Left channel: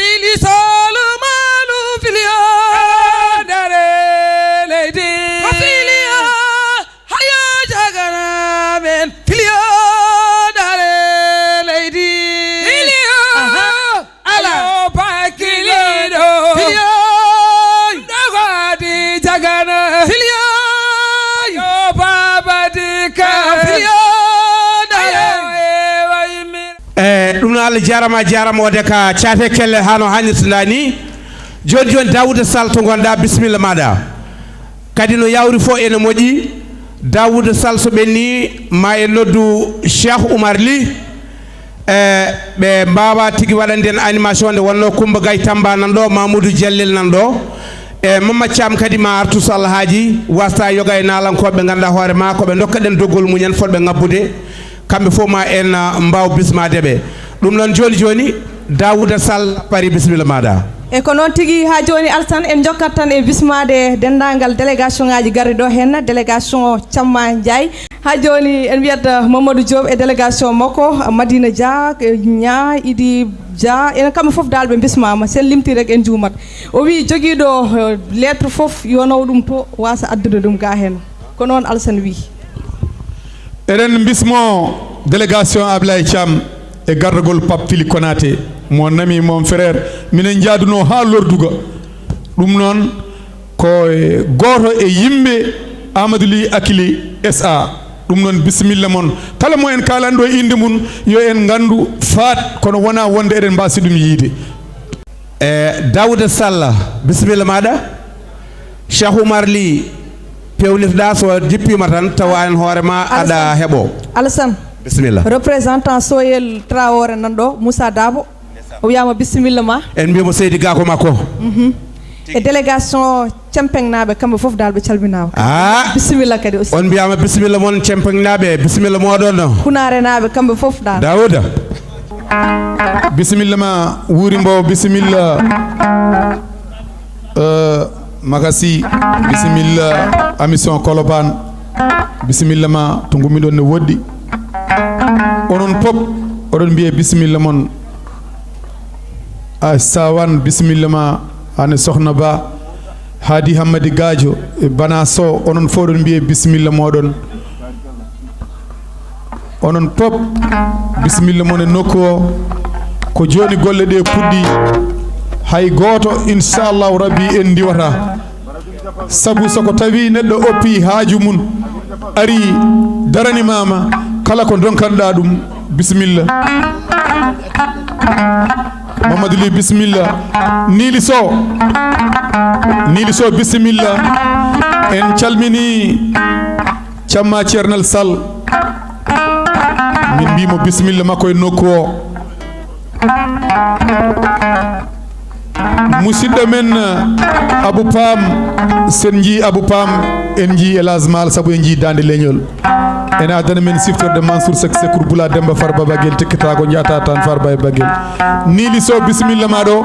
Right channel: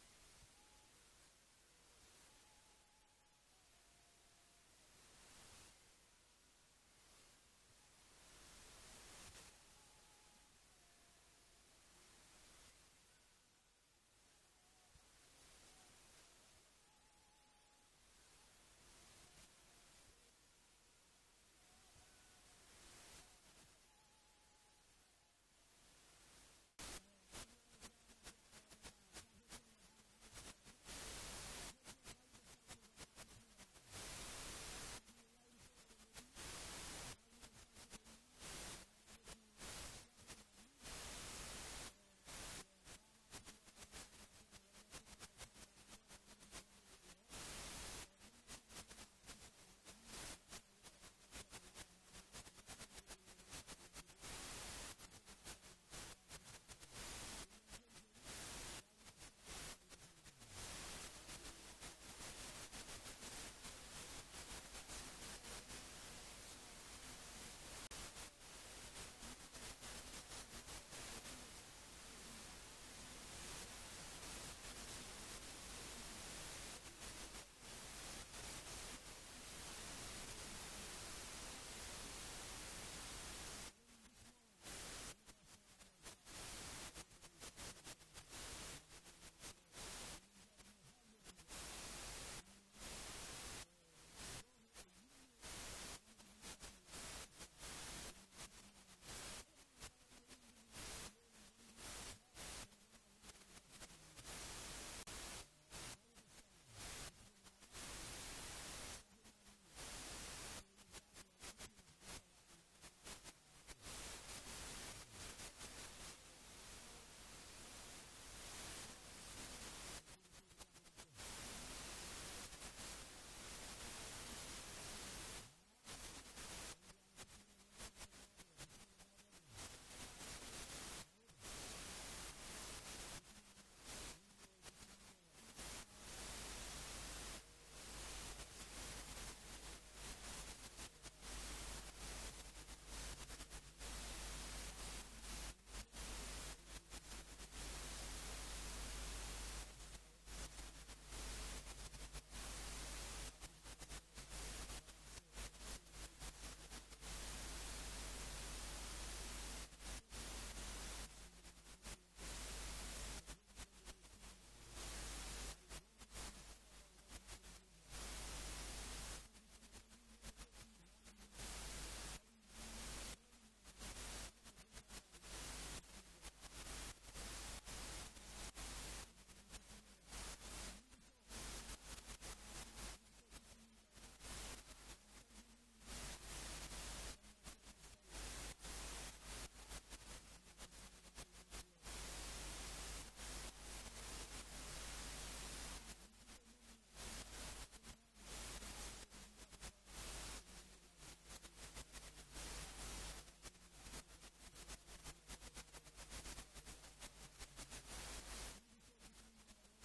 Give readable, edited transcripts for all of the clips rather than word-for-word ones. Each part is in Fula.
fili solo malu filio dare lady filia hayo jagana men filio dare lady filio ala pakilido filio dagadi jagana filio yo baba dika filio ɗum no Allah jarama wode ka caate kelle hano hannirtanda ni joni joni Daouda Sall to gonɗa bisimilla maɗa kadi no yawri fo ene moƴƴi Daouda Sall so ɓenni ma en noddu Cheikh Oumar Ly ɓe mbawa tigui waɗande en animation nde wonno Coumba Gaye Tamba nan ɗo Mamoudou Diallel nan ɗo e Mamadou Thiam kadi ma artu so Allah haaji wasta yoga e nalankoɓe ganduɗa hoore ma koɓe dokka ɗen doggol muñen fotɓe ngabbude kamɓe fof ma en mbaw bismadeɓe ɗum noon joni joni Daouda Sall pari bisimilla maɗa e ko noon tigui ha joni Alassane en jokkat tan e bismade dendagal délégation ngaji garri ɗo hen délégation Thiamma Ndiaye ha joni en wiyat Mamadou Diop e délégation makko Madina Dia Nya Idi Dia enen kamɓe foof dal ɓe bismama sen limti rek en juumat o wi joguiɗo lettre foof yo naw ɗum to wasa addude ɗum ga hen ko noon Alassane wi eɗen bismo délégation Ablaye Thiam e gardagol Pape Fili Konaté mon ami mon frère minen jaaduno ha lorduga ɗum noon ko goto e yimɓe Amadou Ly Akili SA ɗum noon bisimilla mon kala mo en kalanɗo inde mum yo en gandu faat kono wona wonde eɗen mbasi ɗum yiide Daouda Sall bisimilla maɗa Cheikh Oumar Ly pewnitoɗa so jippima tan tawa en hoorema aɗa heeɓo Alassane bisimilla représentant Soyel Traoré nan ɗo Moussa Dabo o wiyama bisimilla ma en mbimo Seydi Gako makko e délégation Cempengnaɓe kamɓe foof dal ɓe calminama bisimilla kadi aussi on mbiyama bisimilla moon Cempengnaɓe bisimilla moɗon Kunarenaɓe kamɓe foof dal Daouda bisimilla ma wuuri mbo bisimilla Makasi bisimilla émission Colobane bisimilla ma to gummiɗon ne woɗɗi onon pop oɗon mbiye bisimilla mon a sawan bisimilla ma ane Sokhna Ba Hadi Hammadi Gadio e Bana Sow onon fof oɗon mbiye bisimilla moɗon onon pop bisimilla mon e nokku o ko joni golle ɗe puɗɗi hay goto inchallahu rabbi en diwata sabu soko tawi neɗɗo oppi haaju mum ari daranimama kala ko donkanɗa ɗum bisimilla Mamadou Ly bisimilla Nili Sow bisimilla en calmini Thiamma Ceernal Sall min mbimo bisimilla makko e nokku o musidɗo men Abou Pam sen ji Abou Pam en ji Elhadji Mal sabu en ji dande leñol ene adana men siftorde Mansour Seck Sekour Boula Demba Farba Baguel tekkitago jaata tan Farba e Baguel Nili Sow bisimilla maɗo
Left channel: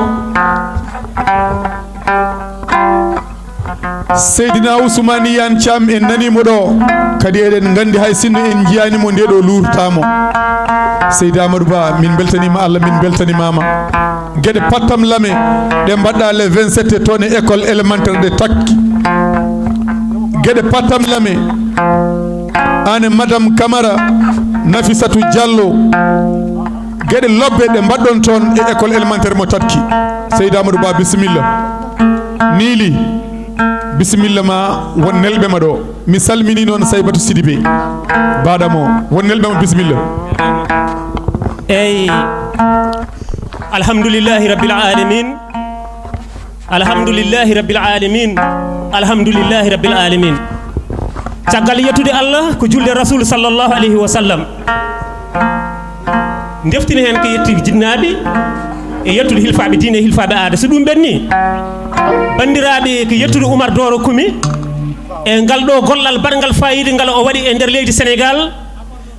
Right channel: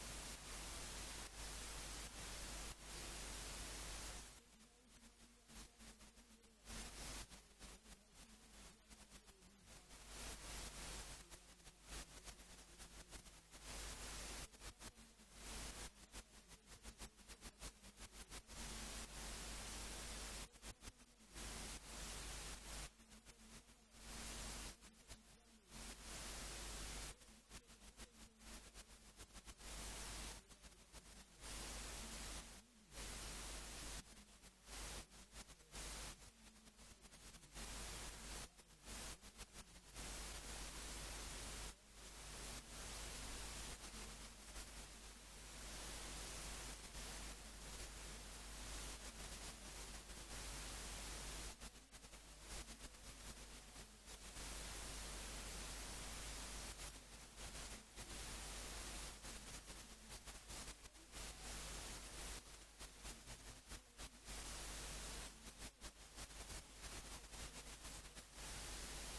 Seydina Ousmane Iyane Thiam en nanimo ɗo kadi eɗen gandi hay sinno en jiyanimo nde ɗo lurtamo Seydi Amadou Ba min beltanima Allah min beltanimama gueɗe pattam lame ɗe mbaɗɗa le 27 toon e école élémentaire de Takki gueɗe pattam lame ane Madame Camara Nafisatou Diallo gueɗe lobbe ɗe mbaɗɗon toon e école élémentaire mo Takki Seydi Amadou Ba bisimilla Nili bisimilla ma won nelɓe ma ɗo mi salmini noon Saybatou Sidibé baɗamo won nelɓe ma bisimilla eyi alhamdulillahi rabbil alamin alhamdulillahi rabbil alamin alhamdulillahi rabbil alamin caggal yettude Allah ko julde rasul sallallahu alayhi wa sallam deftini hen ko yetti jinnaɓe e yettude hilfaɓe diine e hilfaɓe aada so ɗum ɓenni bandiraɓe ko yettude Oumar Doro Koumi e ngal ɗo gollal baɗgal fayida ngal o waɗi e nder leydi Sénégal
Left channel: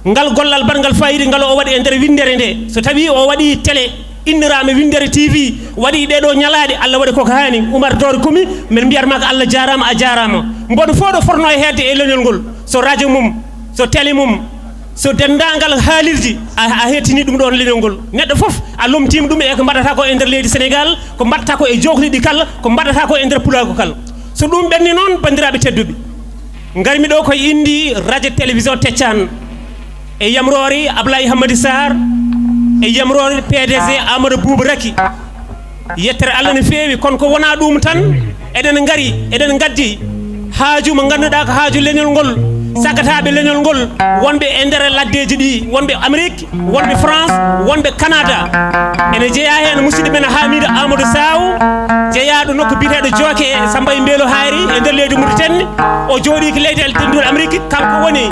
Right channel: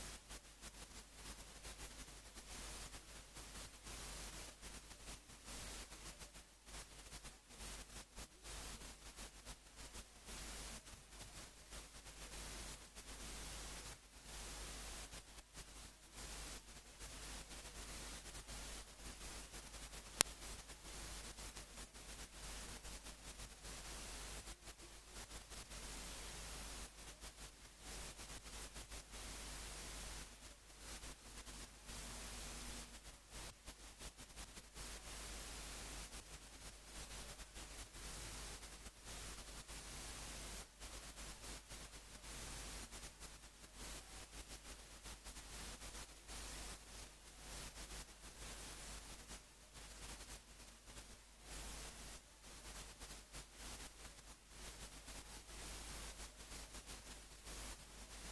ngal gollal baɗgal fayida ngal o waɗi e nder windere nde so tawi o waɗi télé innirama windere TV waɗi ɗeɗo ñalaɗe Allah waɗi koko hani Oumar Doro Koumi min mbiyatma ko Allah jarama a jarama mboɗo fof ɗo forno e hedde e leñol ngol so radio mum so télé mum so dendangal haalirji a hettini ɗum ɗon leñol ngol neɗɗo fof a lomtima ɗum e ko mbaɗata ko e nder leydi Sénégal ko mbaɗata ko e jokliɗi kala ko mbaɗata ko e nder pulago kala so ɗum ɓenni noon bandiraɓe tedduɓe garmi ɗo koye indi radio télévision Teccan e yamrori Ablaye Hamady Sarr e yamrori PDG Amadou Bouba Raki yettere Allah ne feewi kono ko wona ɗum tan eɗen ngari eɗen gaddi haaju mo ganduɗa ko haaju leñol ngol sagataɓe leñol ngol wonɓe e nder laddeji ɗi wonɓe Amérique wonɓe France wonɓe Canada ene jeeya hen musidɗo men Hamidou Amadou Saw jeeyaɗo nokku biteɗo Jooke e Samba e Mbeelo Hayri e nder leydi Mauritanie o jooɗi ko leydi eltenduɗo Amérique kanko woni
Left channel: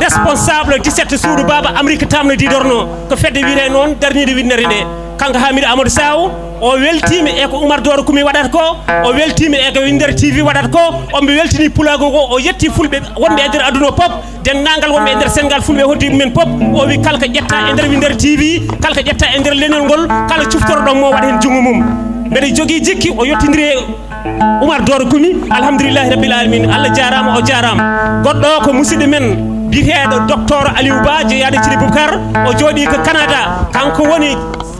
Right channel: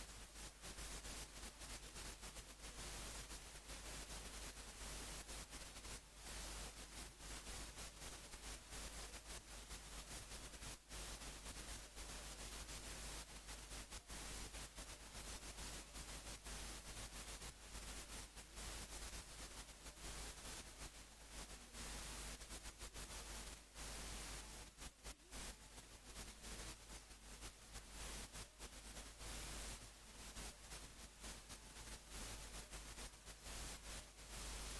responsable 17 suudu Baba Amérique tamno didorno ko fedde wiite noon darnide winnere nde kanko Hamidou Amadou Saw o weltima e ko Oumar Doro Koumi waɗata ko o weltima e ko Winder TV waɗata ko omɓe weltini pulago ngo o yetti fulɓe wonɓe e nder aduna pop dendagal wonɓe e nder Sénégal fulɓe hoddi mumen pop o wi kala ko ƴetta e nder Winder TV kala ko ƴetta e nder leñol ngol kala cuftoroɗon mo waɗa hen jungo mum mbeɗa jogui jikki o yettidiri e Oumar Doro Koumi alhamdoulillahi rabbil alamin Allah jarama o jarama goɗɗo ko musidɗo men biyeteɗo docteur Aliou Ba jeeyaɗo Thily Boubacar o jooɗi ko Canada kanko woni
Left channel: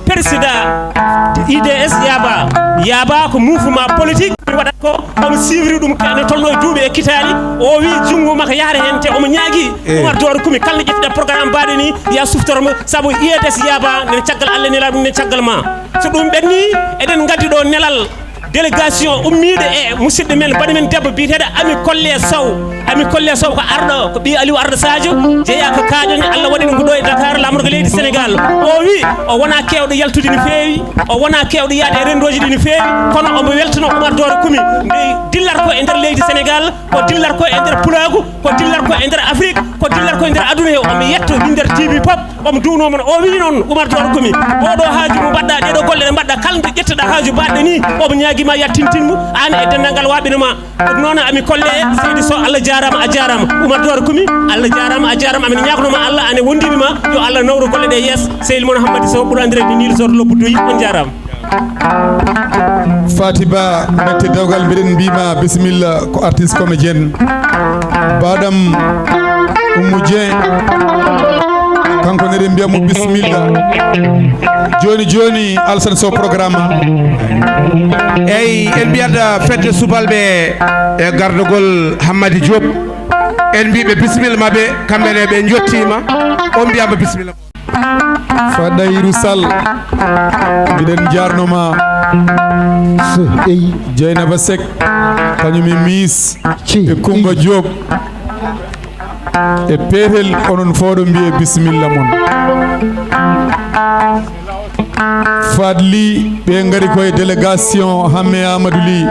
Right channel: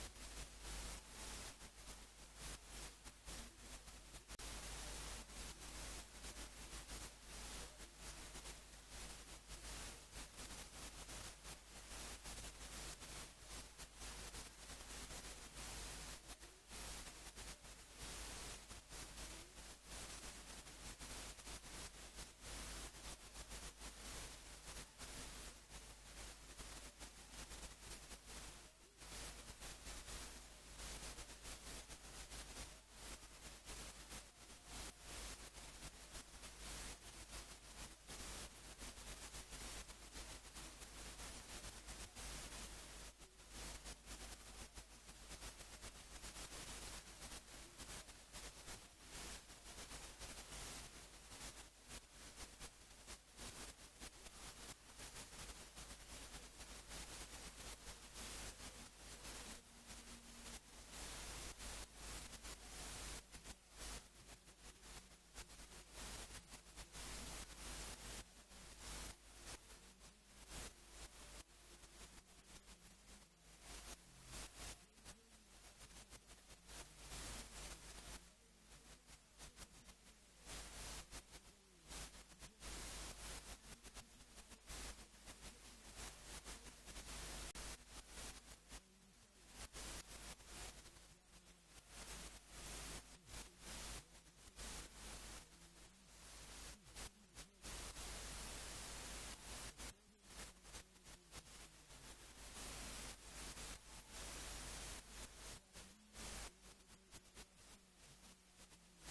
président IDS Yaba ko mouvement politique waɗat ko omo suivre ɗum kane tolno duuɓi e kitali o wi jungo makko yahata hen te omo ñaagui Oumar Doro Koumi kala ƴettuɗa programme mbaɗe ni ya suftormo saabu IDS Yaba nen caggal Allah nela ɗum nen caggal ma so ɗum ɓenni eɗen gaddi ɗo nelal délégation ummiɗo e musidɗo men baɗi men debbo biyeteɗo Ami Collé Sow ko arɗo ko ɓi Aliou Arɗo Sadio jeeya ko kaƴoñ Allah waɗi ɗum ko ɗo e Dakar lamdo ko leydi Sénégal o wi o wona kewɗo yaltude no feewi o wona kewɗo yaade e rendoji ɗi no feewi kono omo weltano Oumar Doro Koumi nde dillat ko e nder leydi Sénégal ko dillat ko e nder pulagu ko dillat ko e nder Afrique ko dillat ko e nder aduna he omo yetto Winder TV pop omo duwnomo o wi noon Oumar Doro Koumi oɗo haaju mo mbaɗɗa ɗeɗo golle ɗe mbaɗɗa kala nde ƴettoɗa haaju baɗɗo ni omo ñaguima yattintinmo an e dendagal waɓinoma ɗum noon Ami Collé seydi Sow Allah jarama a jarama Oumar Doro Koumi Allah jarama a jarama amin ñagonoma Allah ane wondiɓe ma yo Allah nawro golle ɗe yees Seydi Moon Hammady Sow ɓuura andirede Nil Sor Lobbu Doyi on jarama Fatiba mette dewgal mbiɗen mbima bisimilla ko artiste comédienne baɗam Oumou Dieng kanko neɗen mbiyamo bisimilla joni Alassane Sow programme eyyi en mbiyat fedde subalɓe e gardugol Hammady Diop en mbiɓe bisimilla mabɓe kamɓene ɓe jottima on mbiyama bisimilla Fadayrou Sall mbiɗen jarnoma Dieynaba Seck kañum e Miss e Coumba Diop e peetel onon fooɗo mbiye bisimilla moon Fadli ɓe ngari koye délégation Hamme Amadou Ly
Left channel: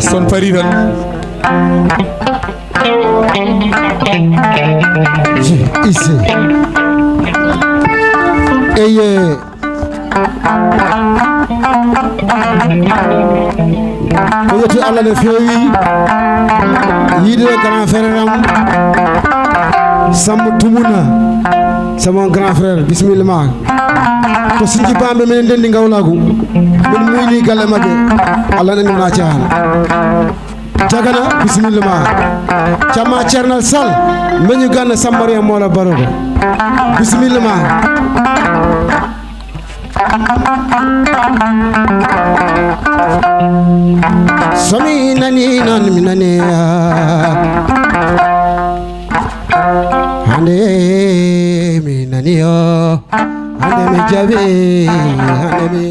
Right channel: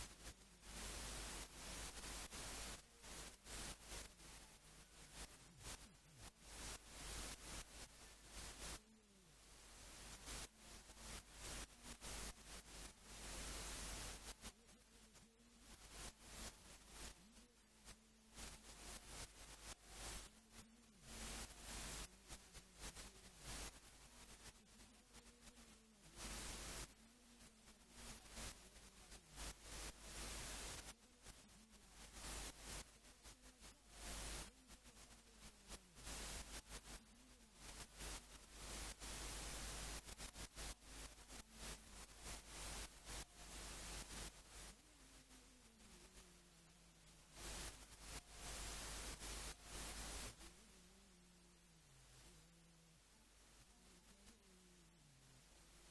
son pari tan ise eye ko yetti Allah ne feewi yiide grand frère am Samba Tumuna sama grand frère bisimilla ma to sinji bamɓe minen ndendi gawlagu min muyni galle mabɓe Allah nani wona cahana jagana bisimilla ma camma Ceernal Sall meñu ganna Sambariya Moola Barogo bisimilla ma somi nani noon mi nani hande mi nani yo hande mi jaɓi hande mi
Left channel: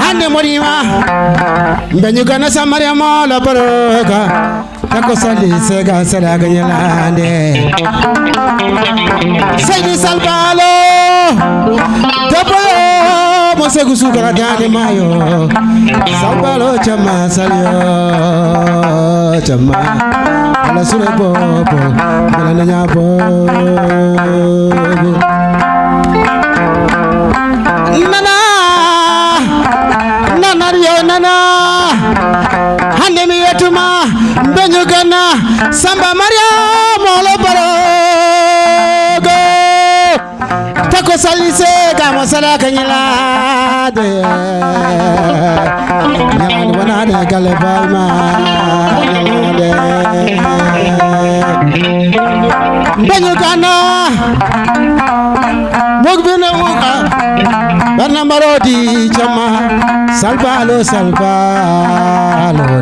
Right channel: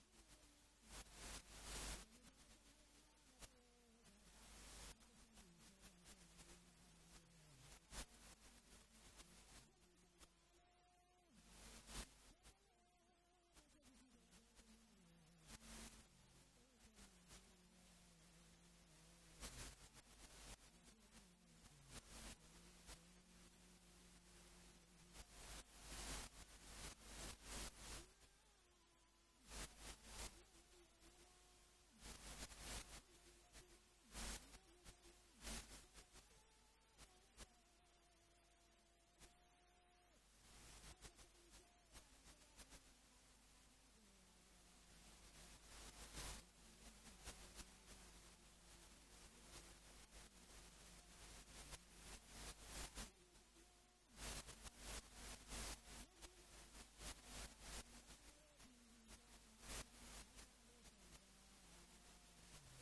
hande moɗima mbeñu gana Sambariya Moola Baroga tako sali sega salaga ñalande Seydi Sall Baalo debbo mo segu sukara dande mayo Sall Baalo camma salyo camma ala sure bobo ala nanya bobo nana yo nana hande mi yetuma mbeñu gana Sambariya Moola Barogo tako sali masala kanyala de nyan wana de kalbalma de banyu kana mogbena uka barna marodi chama salvalo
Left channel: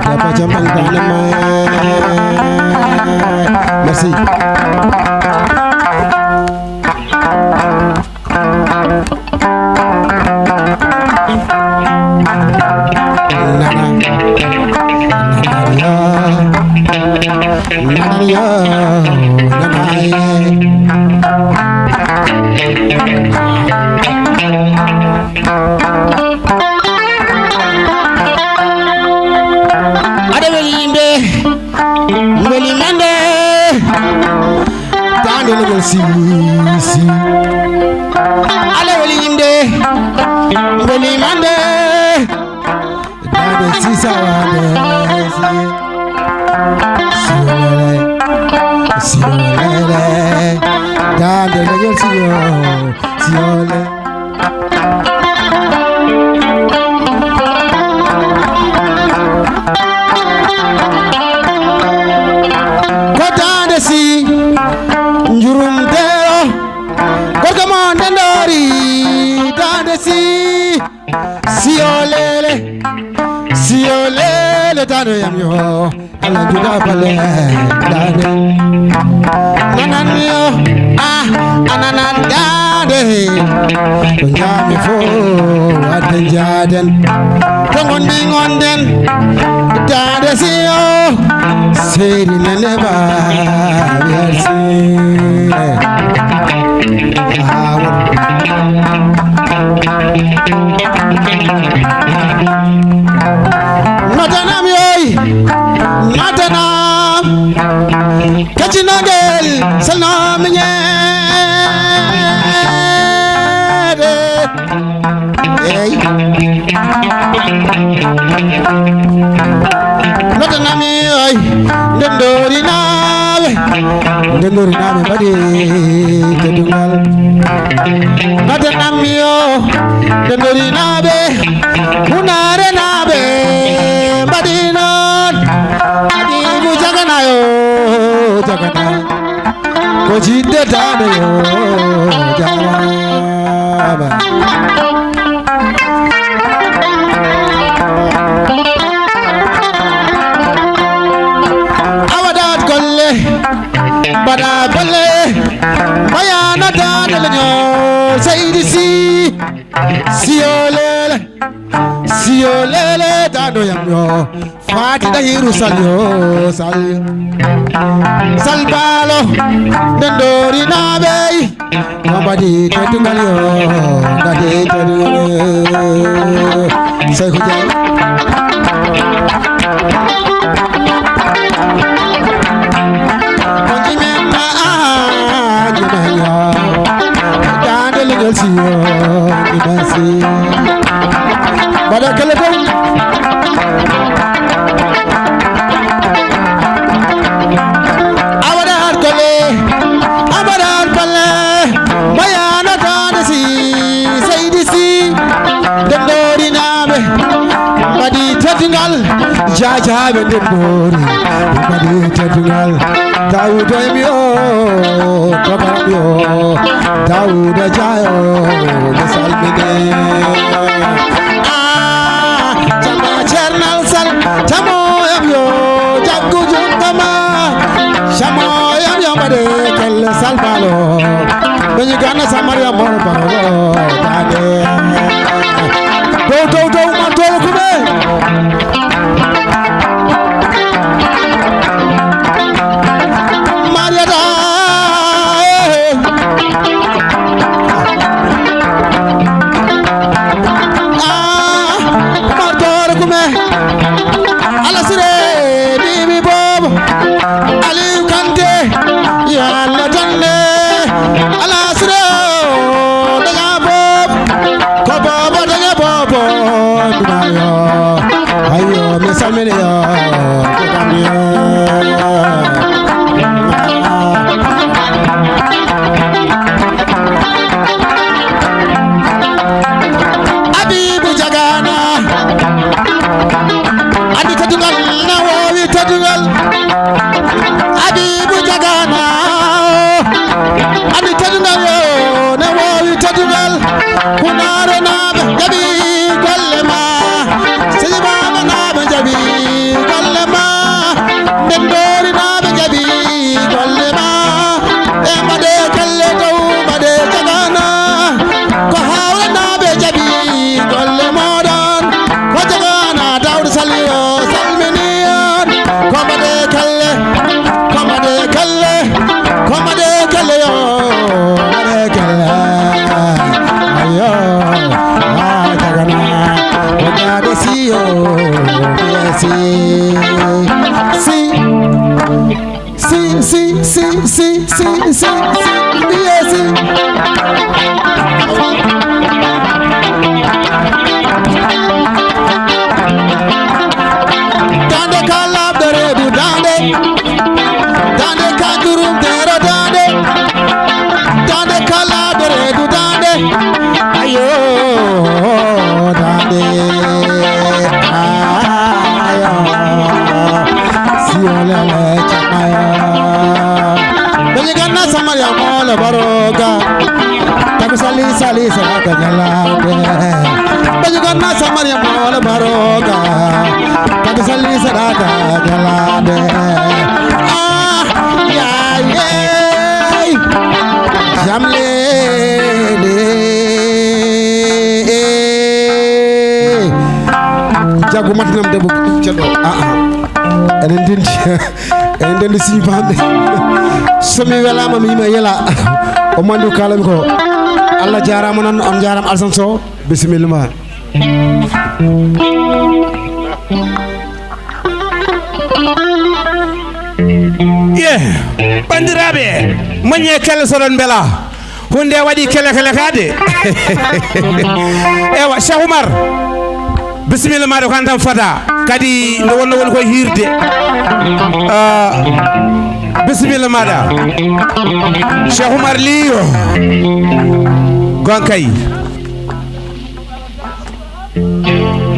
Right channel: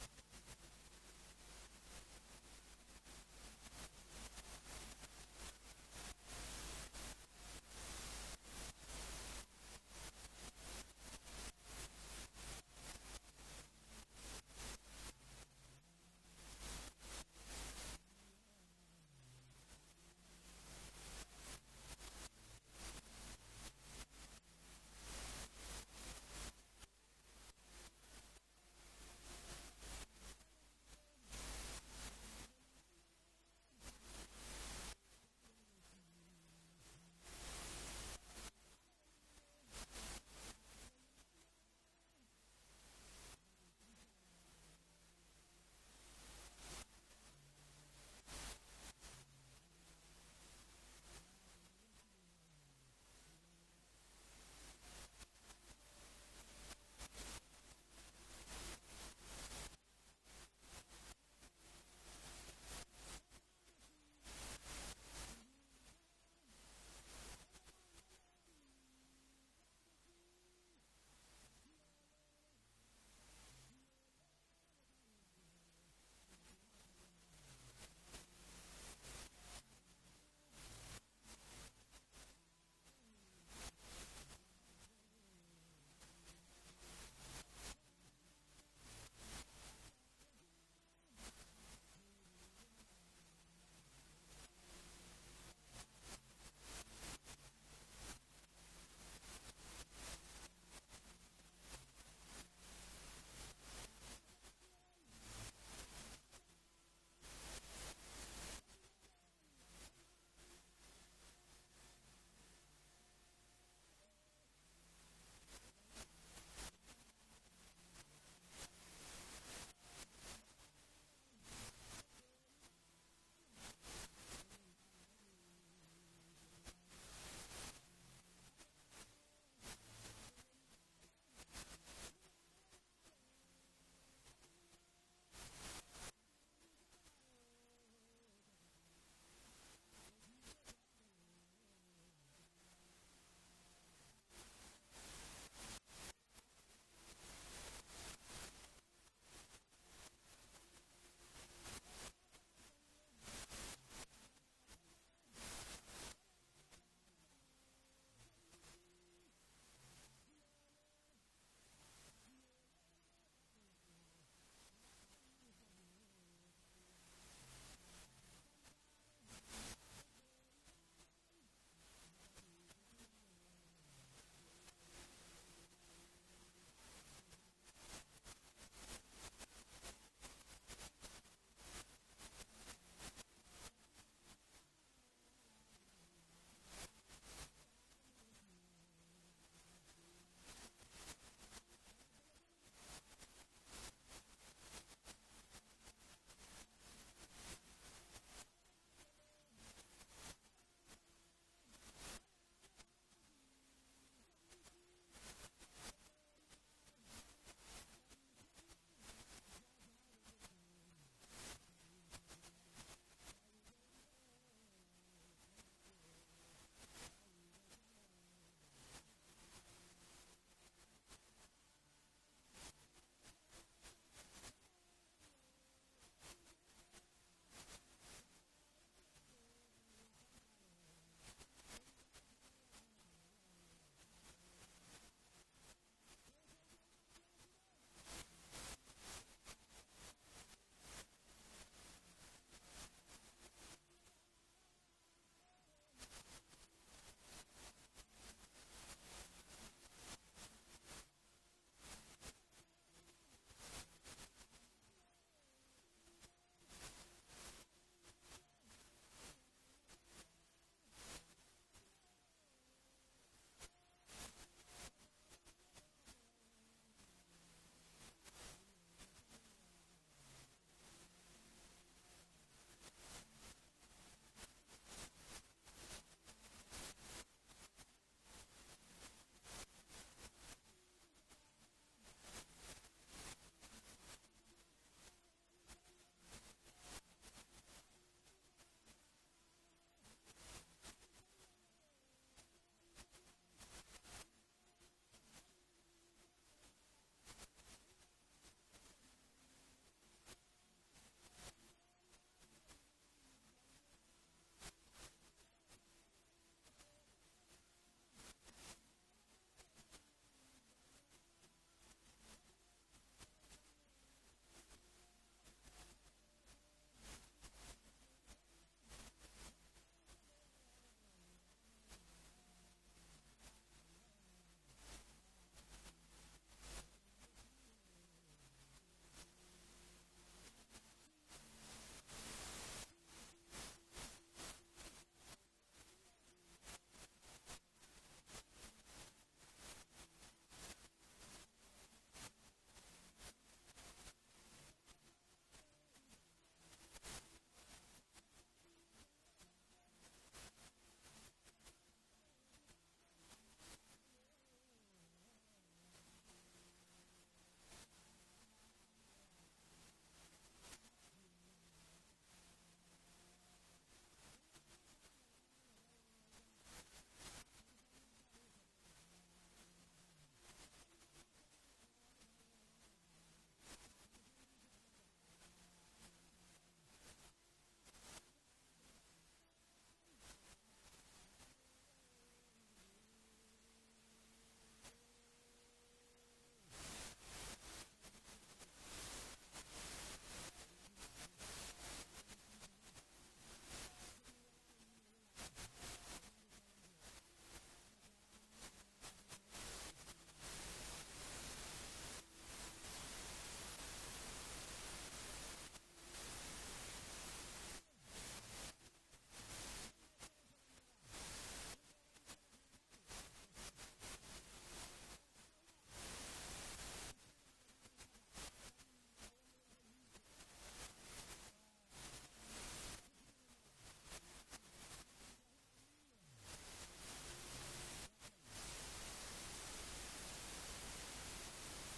de pachamang tanama merci si ale wali inde wali mande dade si sawade si ole dade le si ole ko dade si njurum dero gorga mon dendori dande si olele dande yam yo ala juda pale dande nanan yo ananan dande to yami fo aden jaden to ngonden dande si yo seri neneba merci Matanam yoy matanam kachinagel salam nyede hey matanam yoy ndendori nawe badi kedungal matanam yo ndendori nabe munare nabe badinon adimu jagana ko jidde tane yo jagaba awadat golle bada golle bayana tane lenyo sayidi siolele dado yamyo fati da hiru salyo salbalo dendori nabei mabadi tetungalyo dade tedu say khujal konjimena ajnaya dade legal siyo ibasi bada keleton abadar kale bayana tanasi sayidisi dendori nabe badi tetingal jajabe dendori badi tetingal dauda mio kabamio dauda jayo misalmine Chamo yam yo jaggu jungama Chamo yam yo bade kel salbalo Benyi gana samaria mor baro dade do man to kume Maria da martor kume yo si dande kalab dare du dande kanjurum dero dande kalab dare du dande ayo dande ayo siolele chamaya benigana samaria mola baroga taku sali saraka jalade benigana samaria mola baroga taku sali saraka jalade jamle jago matinam debbo ceddo enen dendi siñi bamɓe somi welama mi yima yela o mandu kalami ko Allah jarama noon on jarama Alassane Sow bisimilla ma bandiraɓe moƴƴe kelle soɗon beela hunde waɗi kele kade ewa Cheikh Oumar bisimilla maɗa ko an tan fada kadi nde wonno woni koye hirde bisimilla maɗa Cheikh Oumar Liyo gonkay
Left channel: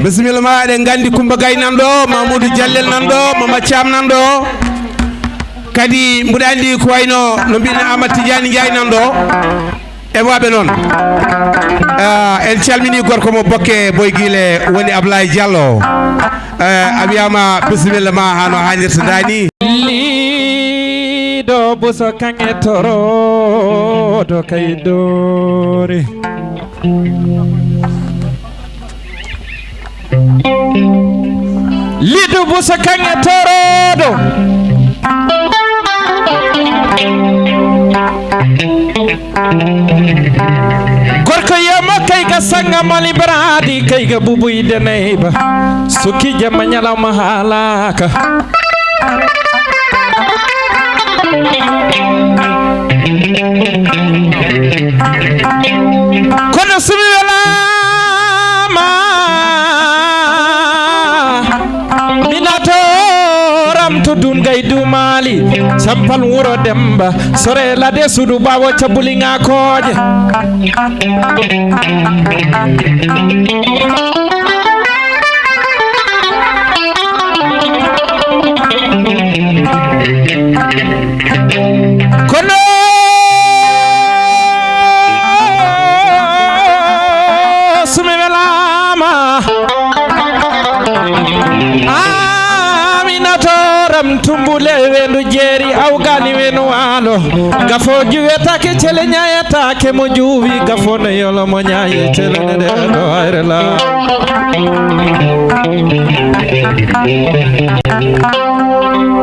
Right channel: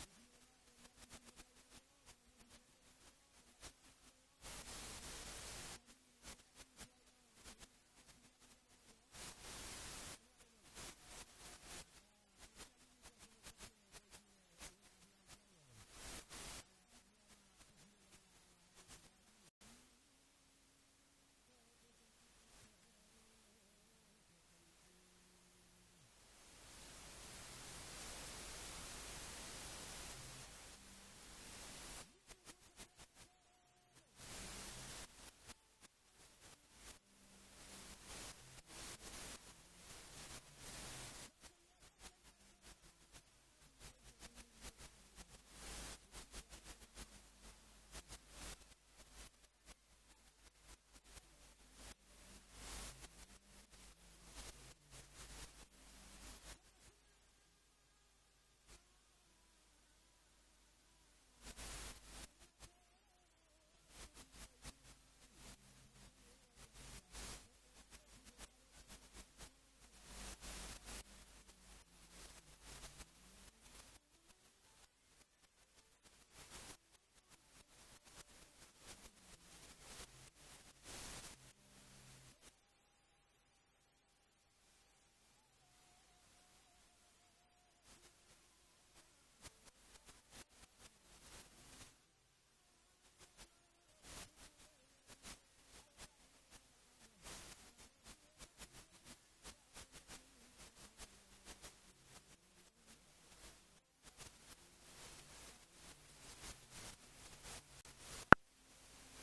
bisimilla ma eɗen gandi Coumba Gaye nan ɗo Mamoudou Diallel nan ɗo Mama Thiam nan ɗo kadi mbuɗa andi ko wayno no mbino Amadou Tidiane Ndiaye nan ɗo e waɓe noon en calmini gorko mo bokke boygile woni Ablaye Diallo a wiyama bisimilla ma hano hannirta dani liɗo buso kange torodo kaydori liɗo buso kange torodo gorko yemo kayga sanga mali baradi kayga bubuyde neyba sukki jamma ñalawma haalaka kono sumi welama minatoram to dun gay dumali sampal wuro demba sore lade sudu bawo cabulinga koje kono sumi welama aminatoram tumbule wendu jeeri awgani wenu walo gafo juwetake cele ñayatake mo juuwi gafo no yolo mo ñaye cele nede do hayrela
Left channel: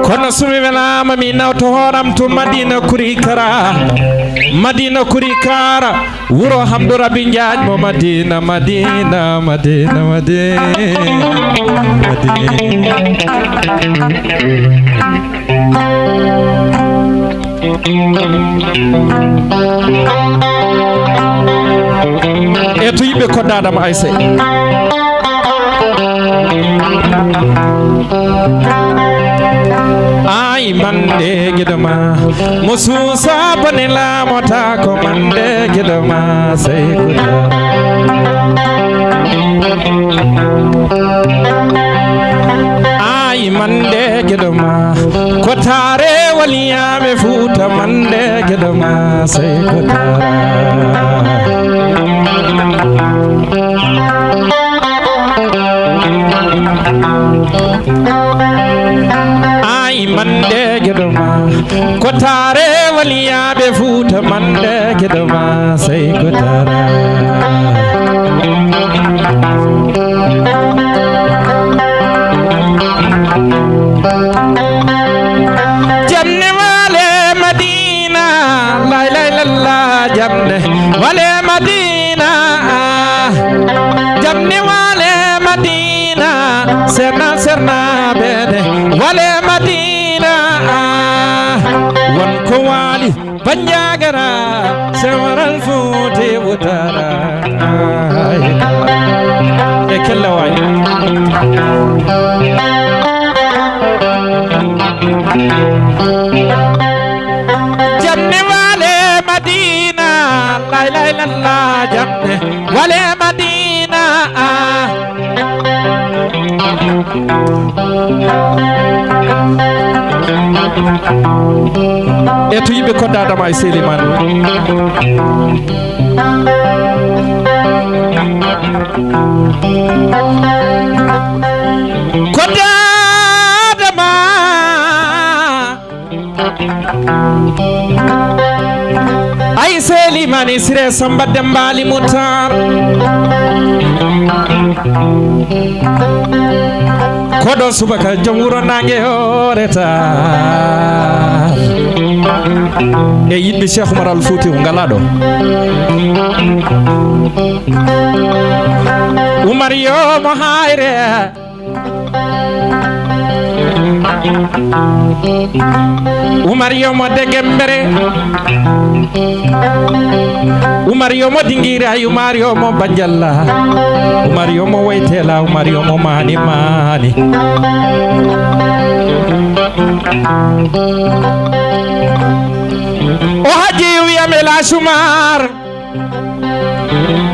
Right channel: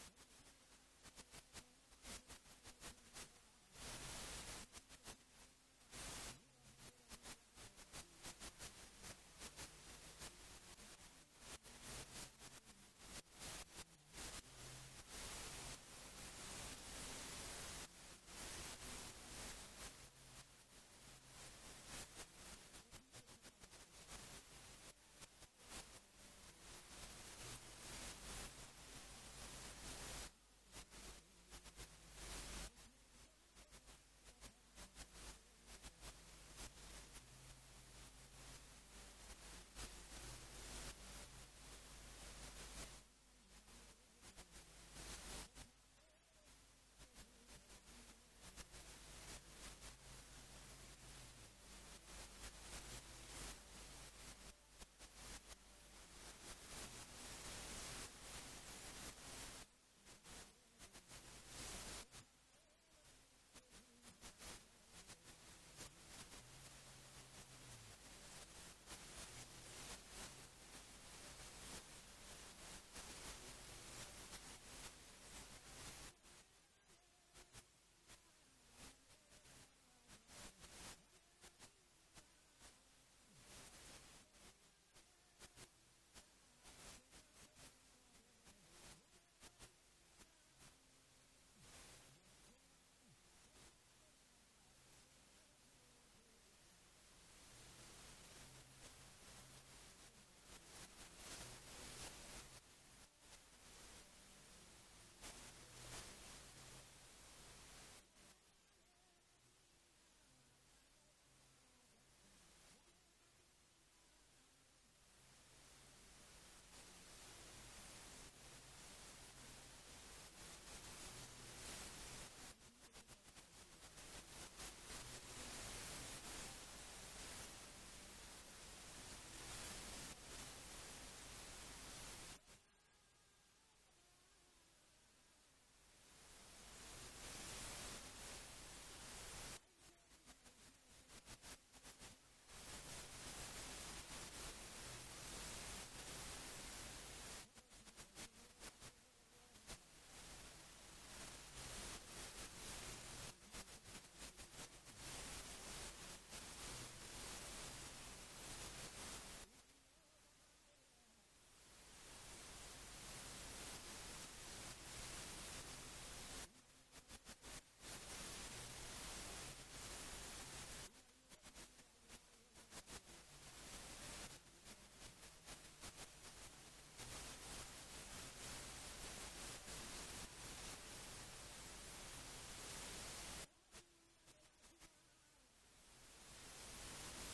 kono sumi welama mi nawto horam to Madina kuri kara wuro Hamdou Raby Njaaj mo Madina e to yimɓe koddadama Aissé ay mande gidama mo suusa bone laamota ko mande gidama sey kuda ay mande gidama ko tare waliyame Fuuta mande gidama sey kuda mande gedoma ko tare waliyaɓe Fuuta mande gedoma sey ko tara jamne wale Madina la ilaha illallah jamne wale Madina jamne wale Madina serna serna bede wale madina won ko wali banjagara sewaral futi wutara e kella way jamne wale madina la ilaha illallah jamne wale madina e to yimɓe koddadama e Seliman koddadama ay Seliman e Siré Samba Dembali Moutar koɗo subaka jom wuro nangue horeta e yiɗɓe Cheikh Oumar Al Fouti ngala ɗo Oumar yomo hayre Oumar yomo degembere Oumar yomo dingira Oumar yomo banjalla Oumar yomo waytela Oumar yomo mani mani o haji wiyame la Oumar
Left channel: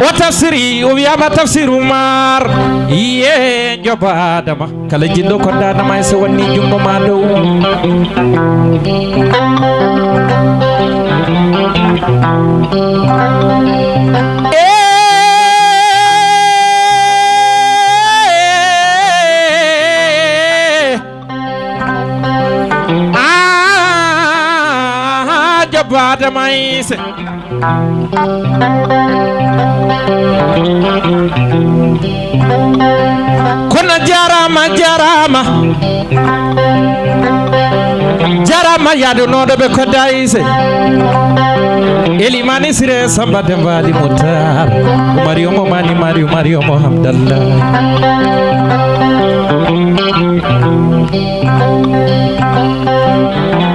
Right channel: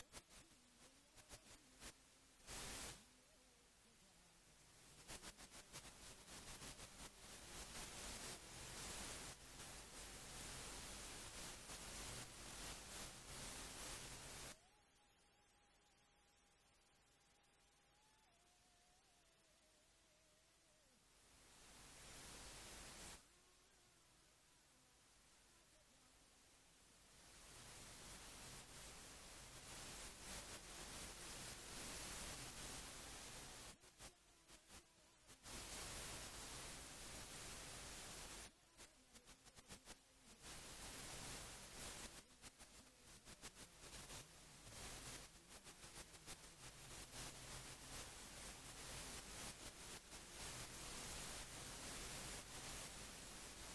o tafsiri o wiyama tafsir Oumar iye jobadama kala jinɗo koddanama e so wanni jungo ma dow jobadama ise kono jarama jarama jarama yadunoɗo ɓe kodda ise Elimani Siré Samba Dembali Moutar Oumar yomo mani mari Oumar yomo hamdallah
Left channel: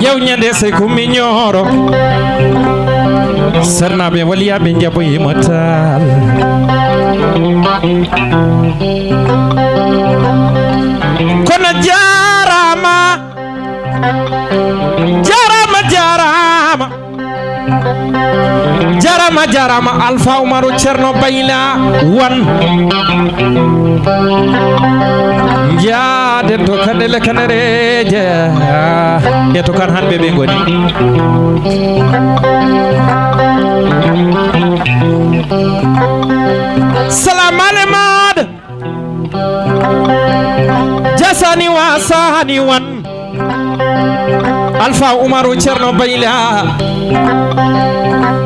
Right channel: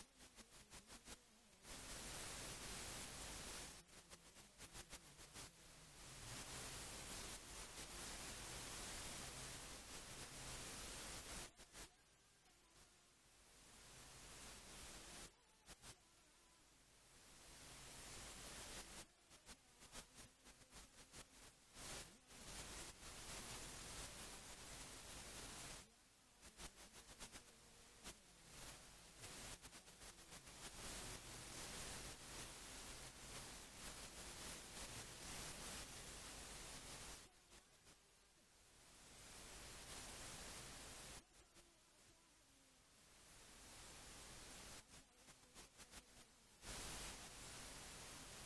yew ñande sey ko miñoro sernaɓe waliyaɓe jaboyimo tal kono jarama jarama jarama jarama jarama Alpha Oumarou Ceerno Bayla wan jaaden to kanele kanereje e to kan hanɓe ɓe goni salam ale maɗa jasani wa sahani wan Alpha Oumarou Ceerno Bayla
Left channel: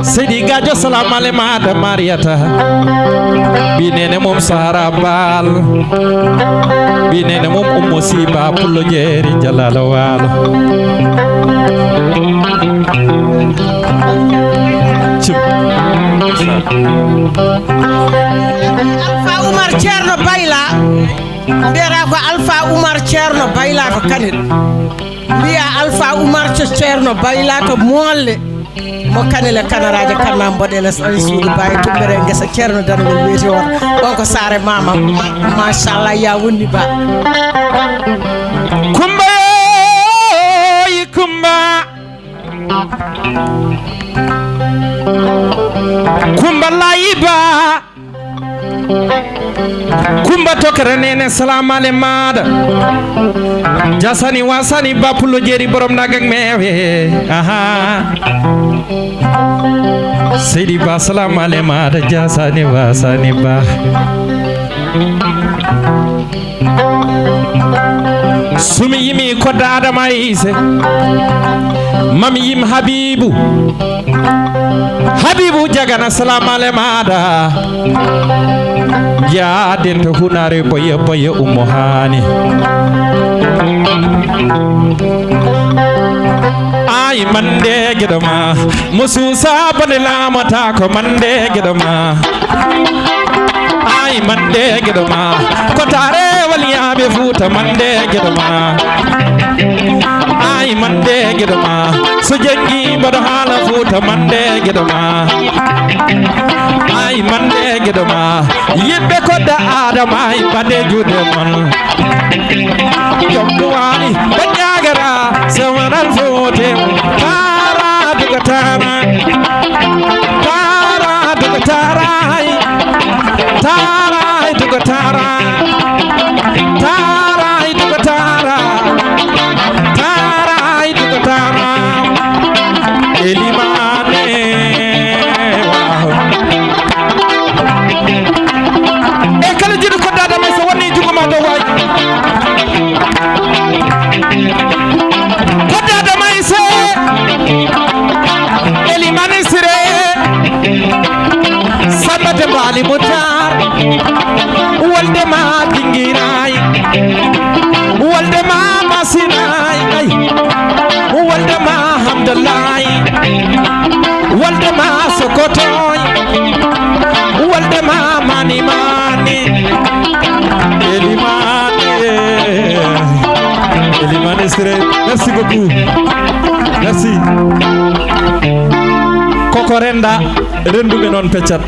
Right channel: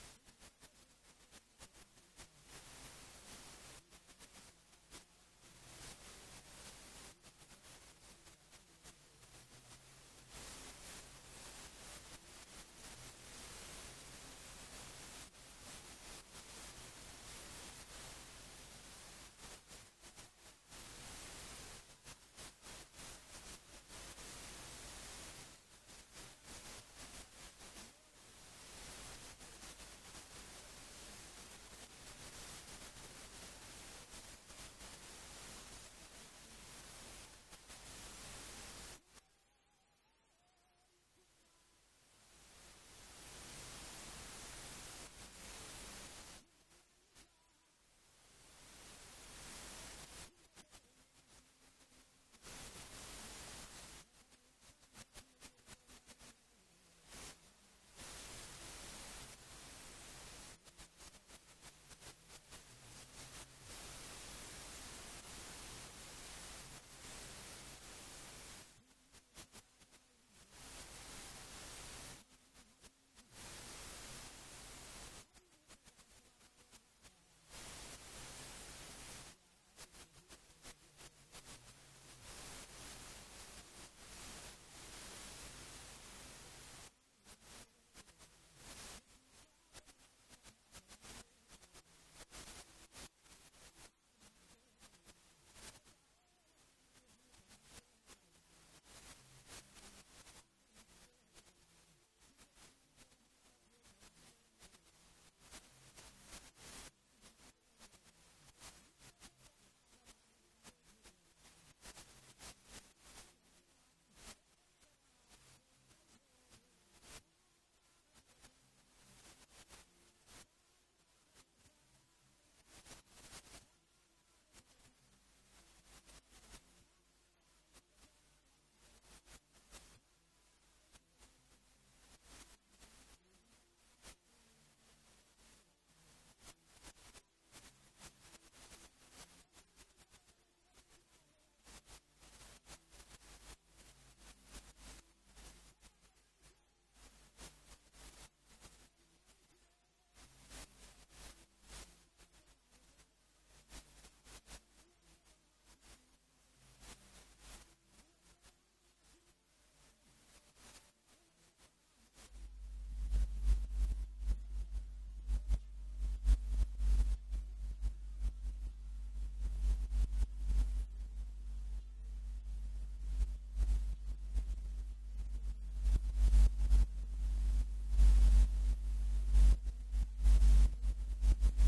Seydi Gadio salam ale maɗa Mariata binene mom Sahara Bal binene mom Ummo Siba Pullo Jeeri Jalala Walo Alpha Oumar Ceerno Bayla mbiyata ko Alpha Oumar Ceerno Bayla to Kanel mbiya Alpha Oumar Ceerno Bayla to molle mo Kanel kanaraje kanna mboɗele suudu baye tumbere ngesa Ceerno Danagol wiyete on ɗon ko saare mama machallah ya wonni ba kumba yi kumba kumba layiba kumba tokere nene salam ale maɗa jasani wasani ba Pullo Jeeri borom nagak mewe aha Seydi Ba salam ale maɗa jasani wasani ba sumi yimi kodda Adama Ise mami yim Habibou jagana salam ale maɗa jaaden to hunare boye boye Ummo Hani ay mande gedoma mususa bone lamata ko mande gedoma ay ay mande gedoma kotare waliyaɓe Fuuta mande gedoma ay mande gedoma so jengi mbaɗo haala Fuuta mande gedoma ay mande gedoma yimɓe kodda adama ay mbaɗe juuɗe mon jomduwani ɓe ñagara sewaral Fuute tara duga tara tara duga taray taray duga tara taray duga tara taray duga tara elimane wow e kala jiɗo koddade may so woni jugoma dow way koddade may se elimane sire sambate mbaali mutar wolde ma dingiray wolde ma masinay ay wolde ma hamdalay wolde ma sokotoy wolde ma mani mani elimane sire merci beaucoup merci koko renda renduɓe noon peccat